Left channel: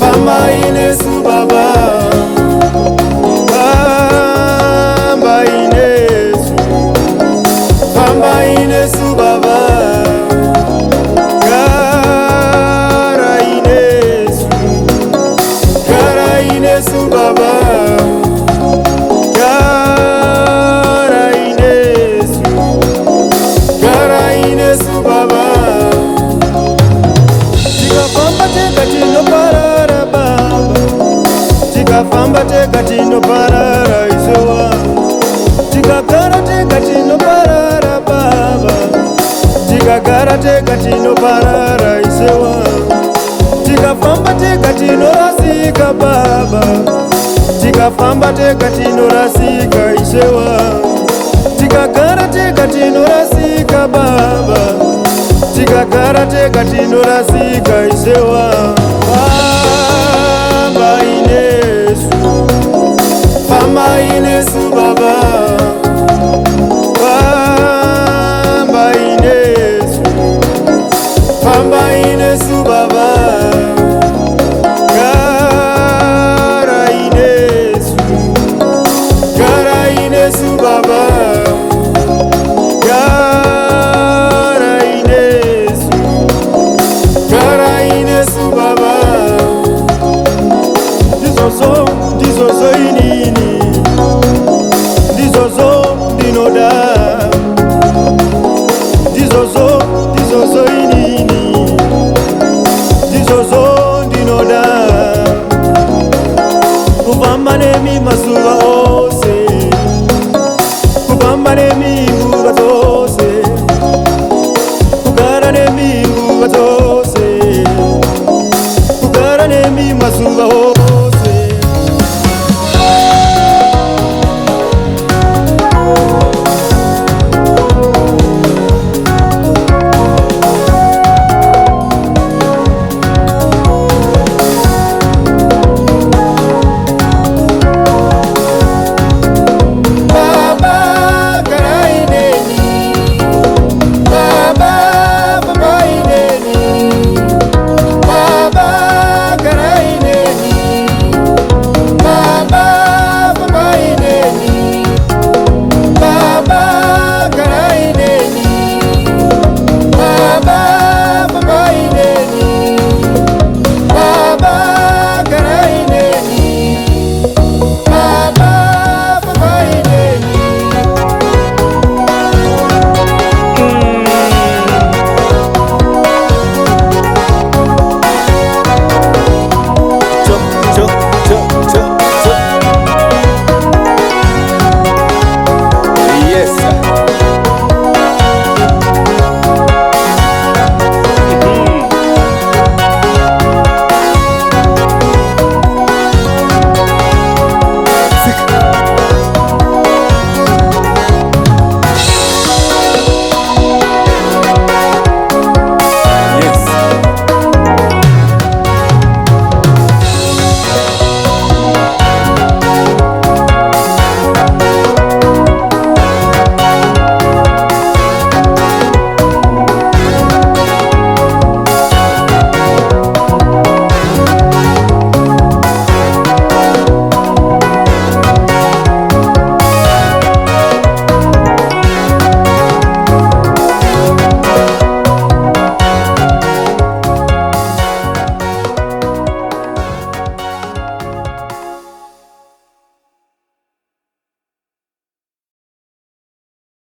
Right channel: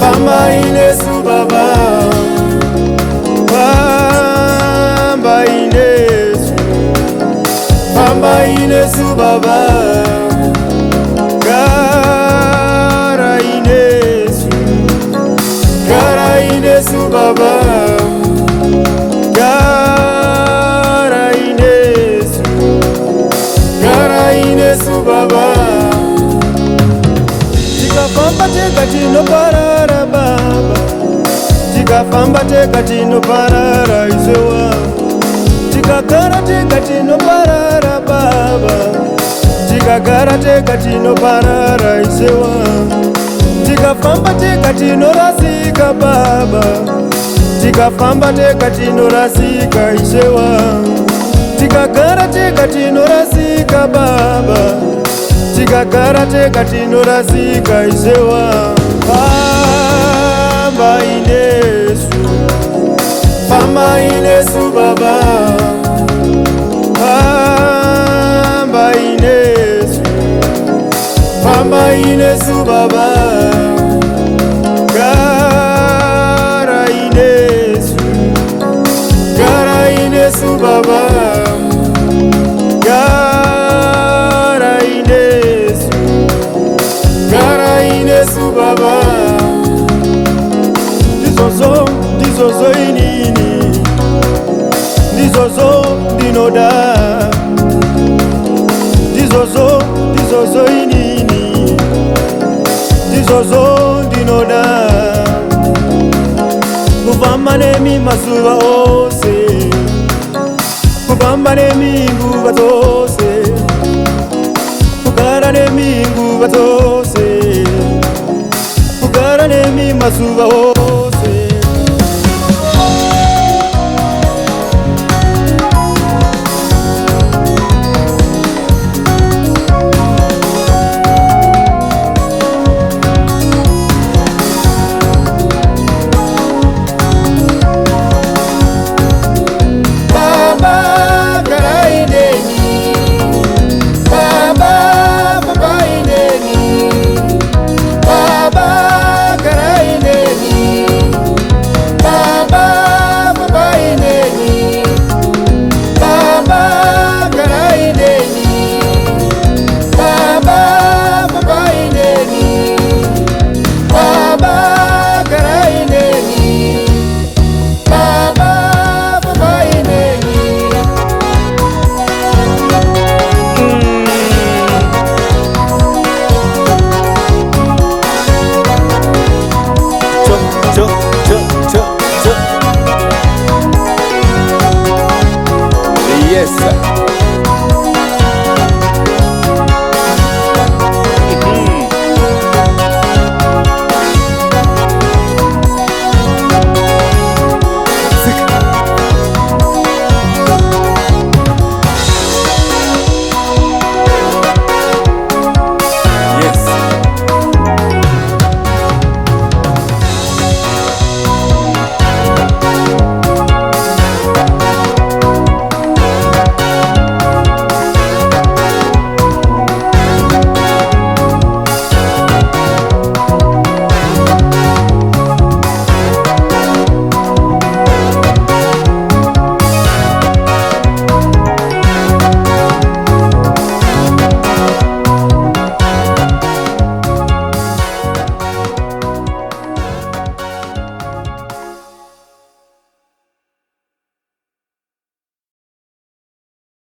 Famba Inesu Baba, Famba Inesu, Famba Inesu Baba, Gara Inesu, Gara Inesu Baba, Gara Inesu, Gara Inesu Baba. Tikafamba tega tinoparara Baba, tikafamba tega tinoparara Isewa, tikagara tega tinoparara Baba, tikagara tega tinoparara Isewa, tikafamba tega tinorasika Baba, tikafamba tega tinorasika Isewa, tikagara tega tinorasika Baba, tikagara tega tinorasika Isewa. Famba Inesu, Famba Inesu Baba, Famba Inesu, Famba Inesu Baba, Gara Inesu, Gara Inesu Baba, Gara Inesu, Gara Inesu Baba. Ndizozo inini, ndizozo ndinoda, ndizozo inini, ndizozo ndinoda. Kufamba nemi mazuva ose, kufamba nemi nguva zose, kugara nemi nguva zose, kugara nemi mazuva ose.